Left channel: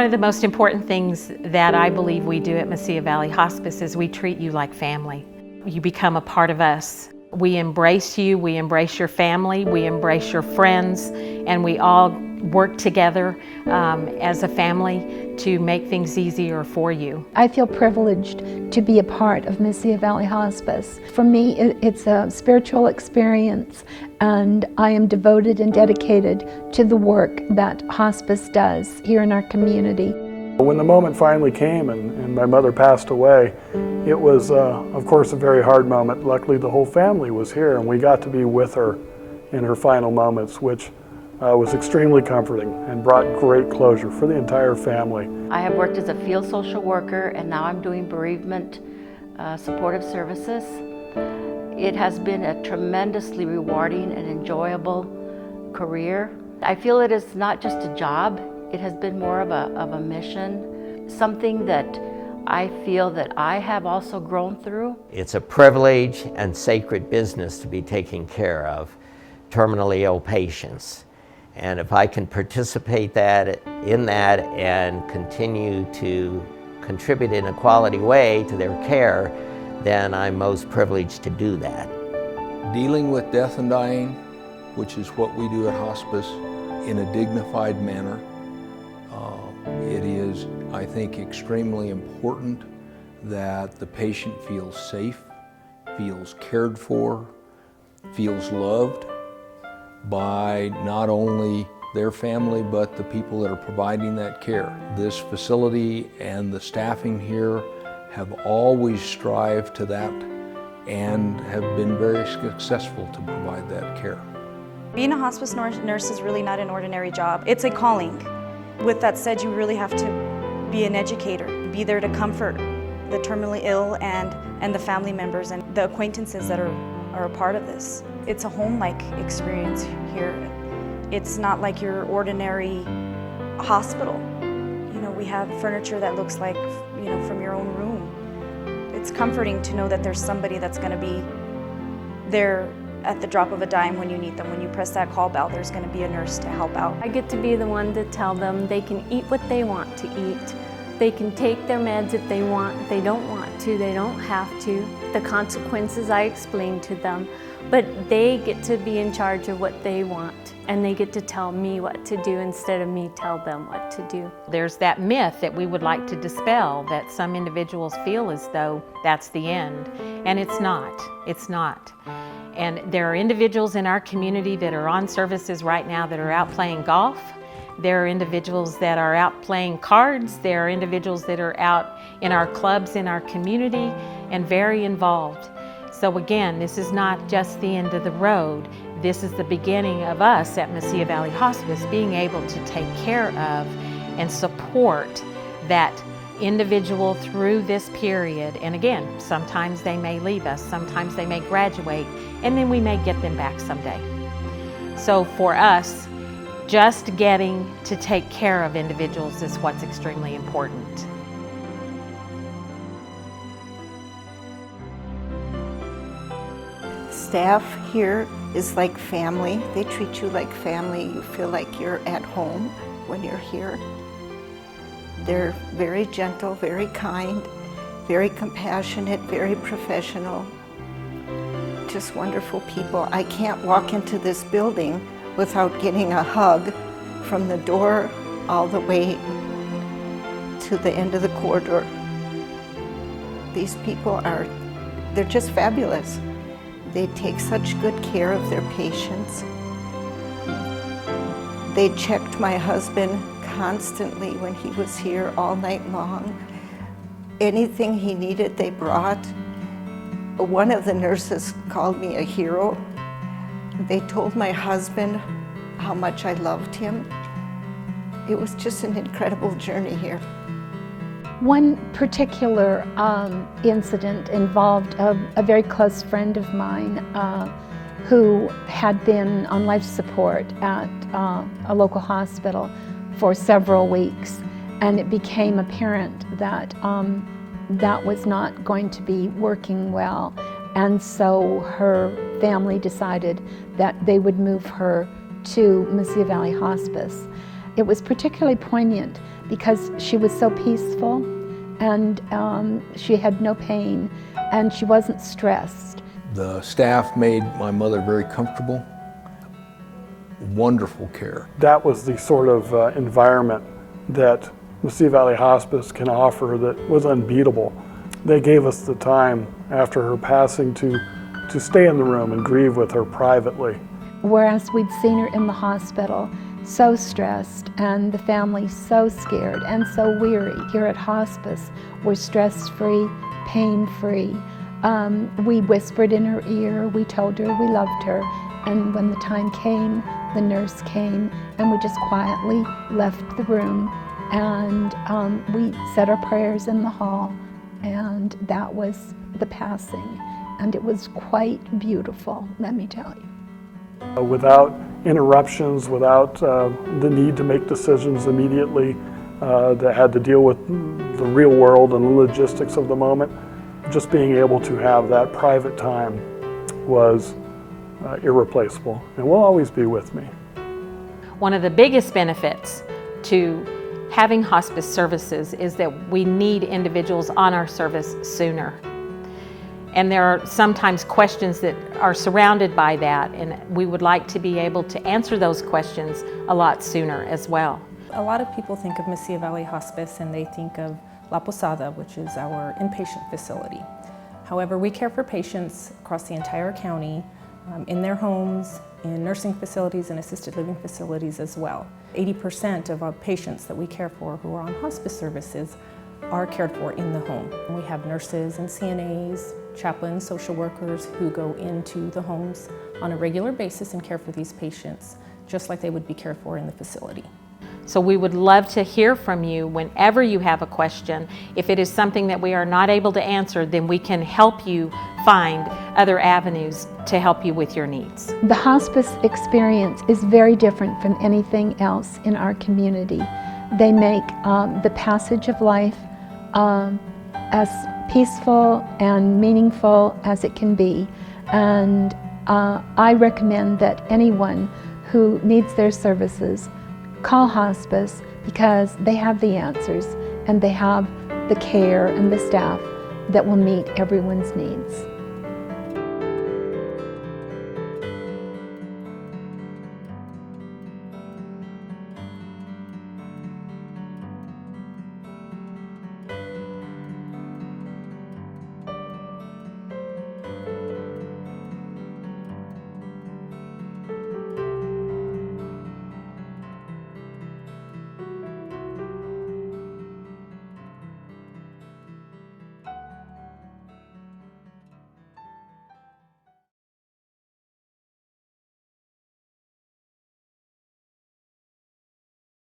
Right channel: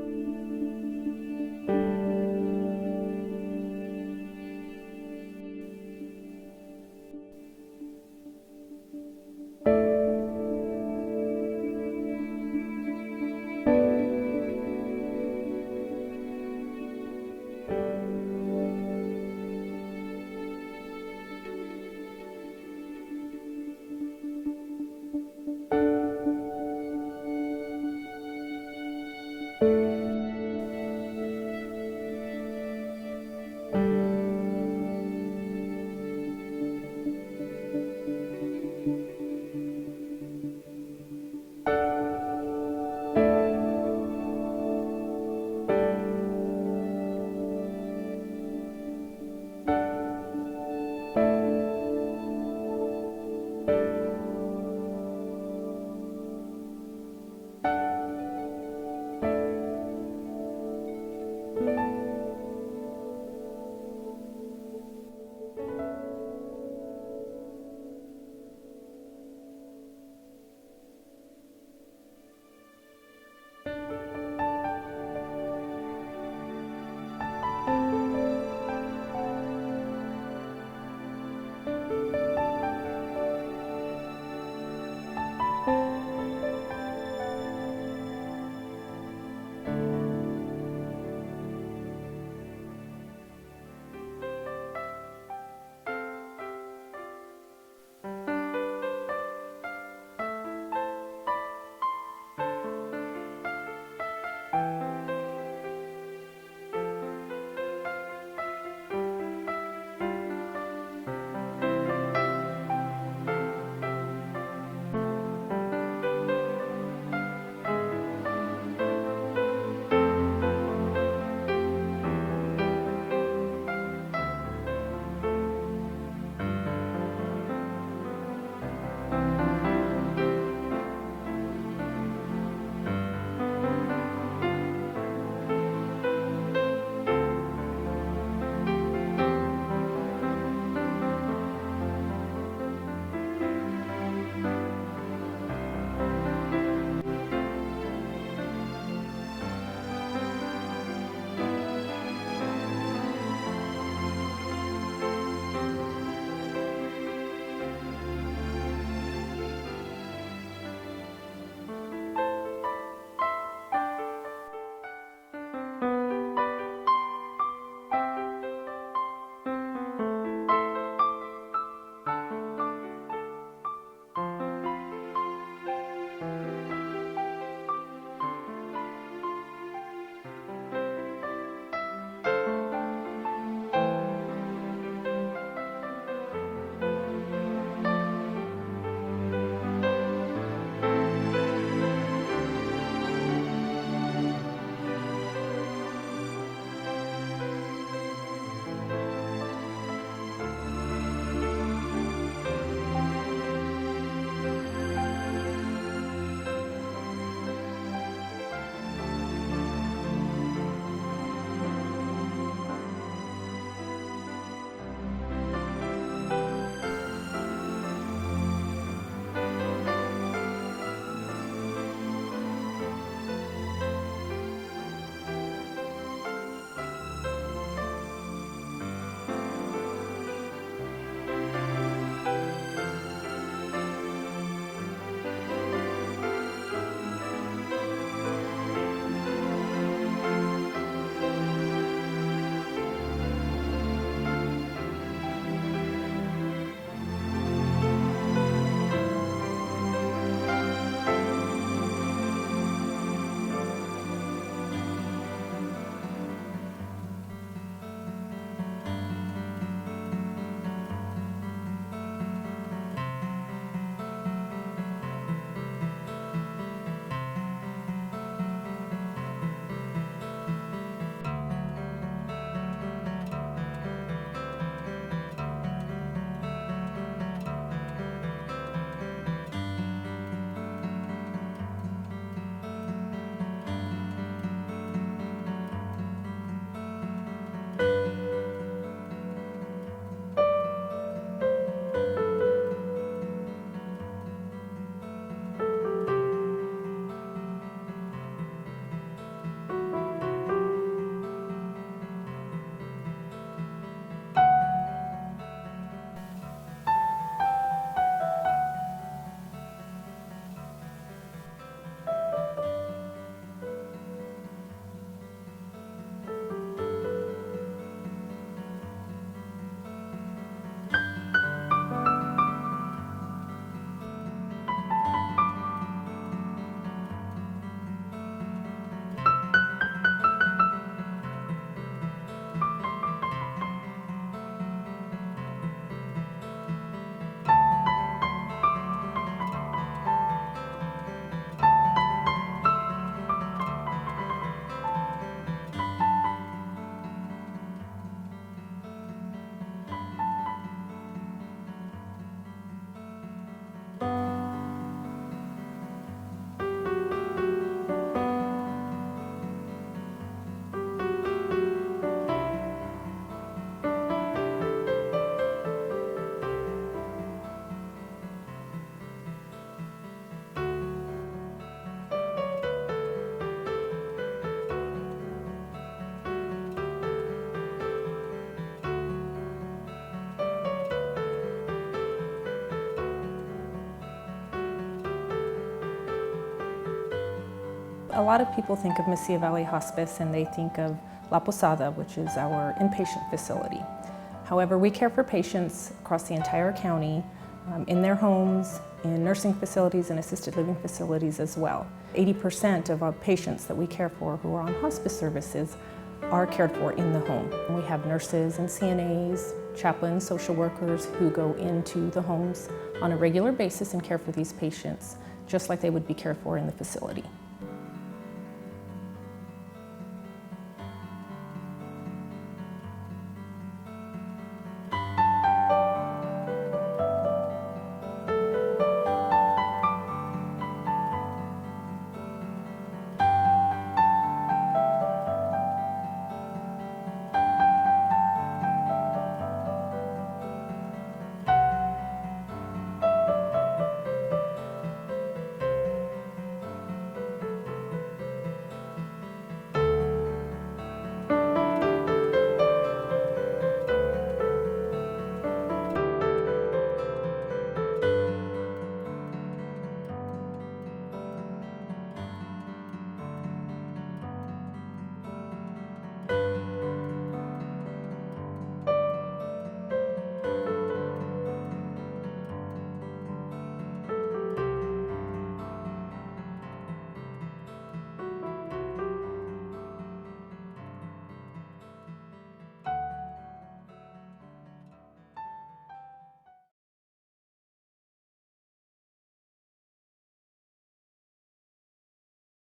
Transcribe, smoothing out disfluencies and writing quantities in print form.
One of the most important things that I believe we do at Mesilla Valley Hospice is we treat you like family. You become a part of us. We embrace you, we embrace your family, we embrace your friends, and we all work together as a family to make things easier for you. I feel privileged to be a part of Mesilla Valley Hospice. For me, it's a spiritual experience, and I am devoted and dedicated to the work that hospice does here in our community. When the moment finally came and my mother passed away, it was, of course, a very hard moment. Luckily, the whole family was here, and we got to be with her in her final moments, which was extremely comforting and brought great closure for the entire family. I have worked as a field social worker, and now I'm doing bereavement supportive services. It has been a tremendously rewarding and enjoyable career. I feel it is not just a job, it has been more of a mission, something that I feel that I have also grown through. It's a privilege and sacred business to be taking care of terminally ill patients. And if I can participate in that and continue to contribute in a quality way to their care, then I'm most privileged to do that. Dealing with death and dying, which is what we do at hospice, in a dignified manner, it is, I think, extremely important that the patient feels safe, feels cared for, feels loved by not only their family, but the people that are providing that care. This facility and the staffing here have always strived to that and have been very successful to provide that care. Being a hospice nurse is really not an ordinary job. It's a calling. With that said, you really have to be an educator, be there to comfort the terminally ill and the family members and the acquaintances that are a part of this. It's a home-like experience here. It's not like your ordinary hospital. You know, we have furniture that looks like, you know, from your own room. It's comforting to know that there's somebody that's going to be there at the drop of a dime when you need them. When you press that call bell, there's going to be a nurse to help out. I get to be the one to tell them they can eat what they want to eat. They can take their meds if they want. They don't want to, they don't have to. The consequences I explain to them, but they get to be in charge of what they want, and they get to tell me what to do instead of me tell them what to do. There's that myth that we would like to dispel, that some individuals feel as though that's the end, and it's not. It's not. And there are individuals in our community that are on services right now that are out playing golf. There are individuals that are out playing cards. There are individuals that are out in our clubs in our community and very involved. So again, this is not just the end of the road. This is the beginning of us at Mesilla Valley Hospice being able to take care of and support that individual through this period. And again, sometimes they may leave us, sometimes they may graduate, and then we may get them back someday. So for us, just getting to take care of individuals is what's extremely important. Staff here is like family. They treat you like family. You feel like you're at home when you're here. They're very gentle, very kind, very compassionate, very professional. Just wonderful people. I can't walk into this building without getting a hug from the door all the way to the end of the corridor. These people they're just fabulous. They take such good care of their patients. They checked my husband constantly when he was here all night long. Anything he needed, they brought. One of the nurses called me a hero. They told my husband how much I loved him. It was just an incredible journey here. One particular incident involved a very close friend of mine who had been on life support at a local hospital for several weeks, and it became apparent that that was not going to be working well, and so her family decided that they would move her to Mesilla Valley Hospice. It was particularly poignant because she was so peaceful, and she had no pain, and she wasn't stressed. The staff made my mother very comfortable. Wonderful care. That was the sort of environment that Mesilla Valley Hospice can offer that was unbeatable. They gave us the time after her passing to stay in the room and grieve with her privately. Whereas we'd seen her in the hospital so stressed, and the family so scared and so weary, here at hospice we're stress-free, pain-free. We whispered in her ear, we told her we loved her, and when the time came, the nurse came, and we just quietly left the room, and we said our prayers in the hall, and that was the passing, and it was quite beautiful, let me tell you. Without interruptions, without the need to make decisions immediately that had to deal with the real world and the logistics of the moment, just being able to have that private time was irreplaceable, and will always be with me. One of the biggest benefits to having hospice services is that we need individuals on our service sooner. And there are sometimes questions that are surrounded by that, and we would like to be able to answer those questions a lot sooner as well. A lot of people think of Mesilla Valley Hospice and they think of La Posada, which is our inpatient facility. However, we care for patients across the entire county, in their homes, in nursing facilities and assisted living facilities as well. 80% of our patients that we care for who are on hospice services are cared for in the home. We have nurses and CNAs, chaplains, social workers who go into the homes on a regular basis and care for these patients, just like they would be cared for in the facility. So we would love to hear from you whenever you have a question. If it is something that we are not able to answer, then we can help you find other avenues to help you with your needs. The hospice experience is very different from anything else in our community. They make the passage of life as peaceful and meaningful as it can be. And I recommend that anyone who needs their services call hospice, because they have the answers and they have the care and the staff that will meet everyone's needs.